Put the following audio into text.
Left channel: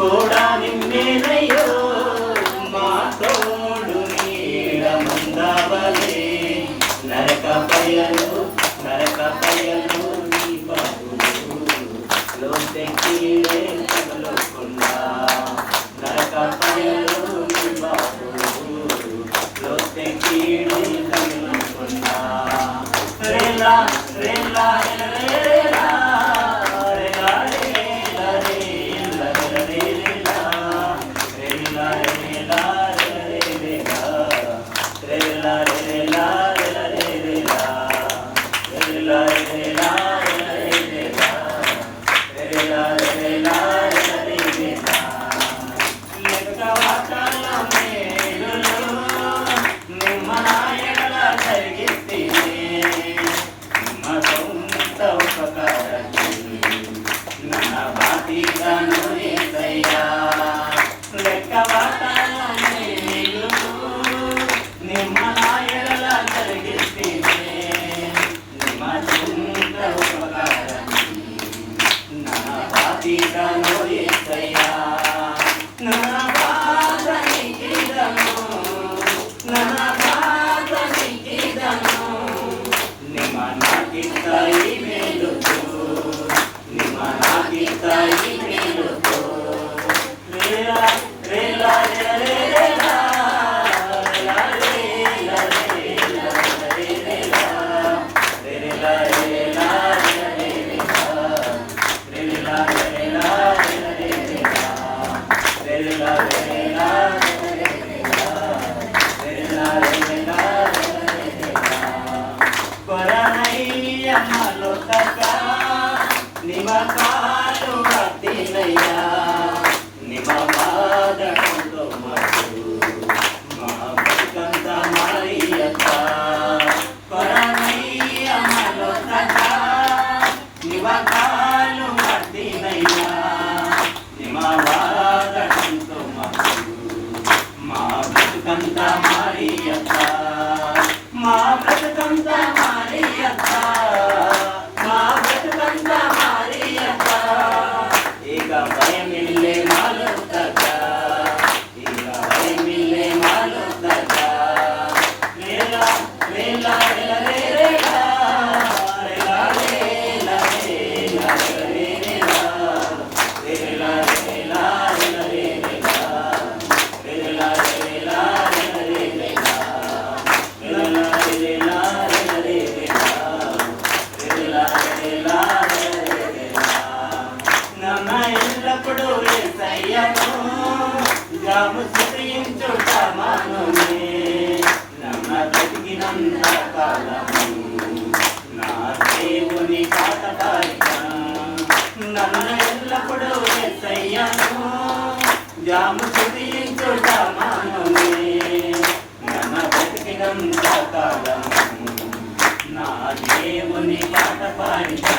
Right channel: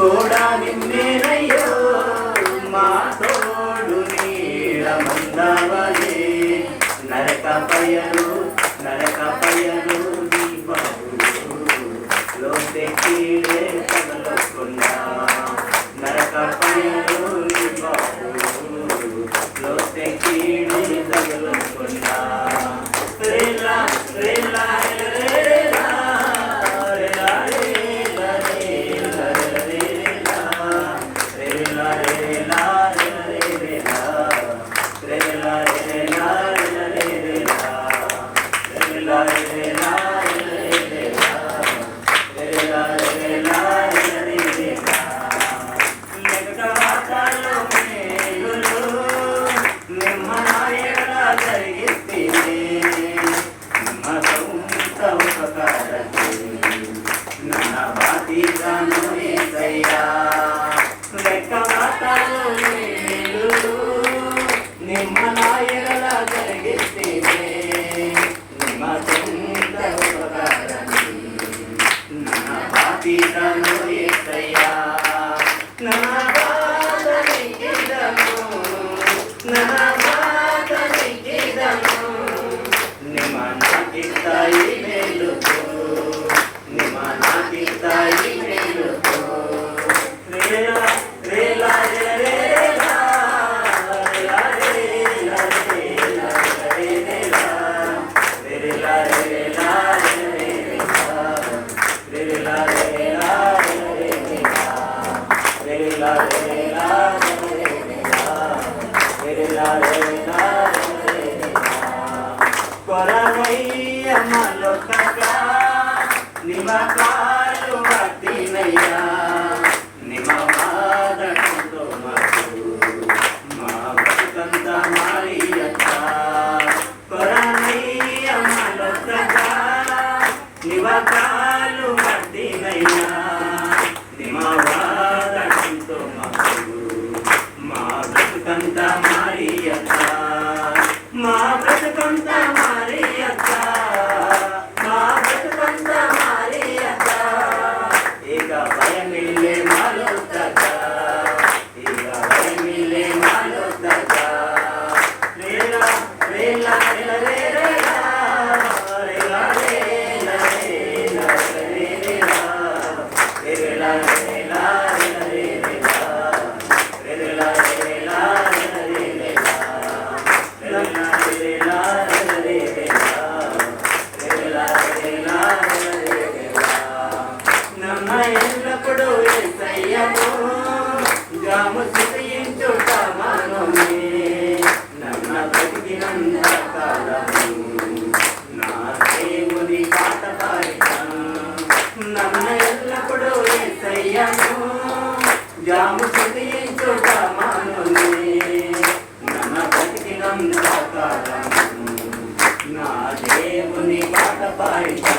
కూడా నిన్నేనయ్యో మా తోడు నీడ మందవలే నరకపయలు నీ బాబు లోతెక్కిడే తగలకుండా నరకపయలు నీ బాబు లోతెక్కిడే తగలకుండా రేలా రేలా రేలా నిమకాలు పట్టినయ్యా నిమమాదతో మసు మా బతుకంత మారియత కొరనయ్య మలొకట నిమకాలు పట్టినయ్యా నిమవాదతో మసు మా బతుకంత మారియత మా బతుకంత మారియత భయమిల్లే మాలోతక ఇక భయమిల్లే మాలోతక రేలా రేలా రేలా రేలా రేలా రేలా రేలా రేలా రేలా ఎల్లప్పుడు యేసయ్యను గ్రాము స్థుతించుట మానునే నమ్మ బ్రతికినంత కాలము నా దేవుని పాట పాడిన నమ్మ ఎల్లప్పుడు యేసయ్యను గ్రాము స్థుతించుట మానునే నమ్మ బ్రతికినంత కాలము నా దేవుని పాట పాడిన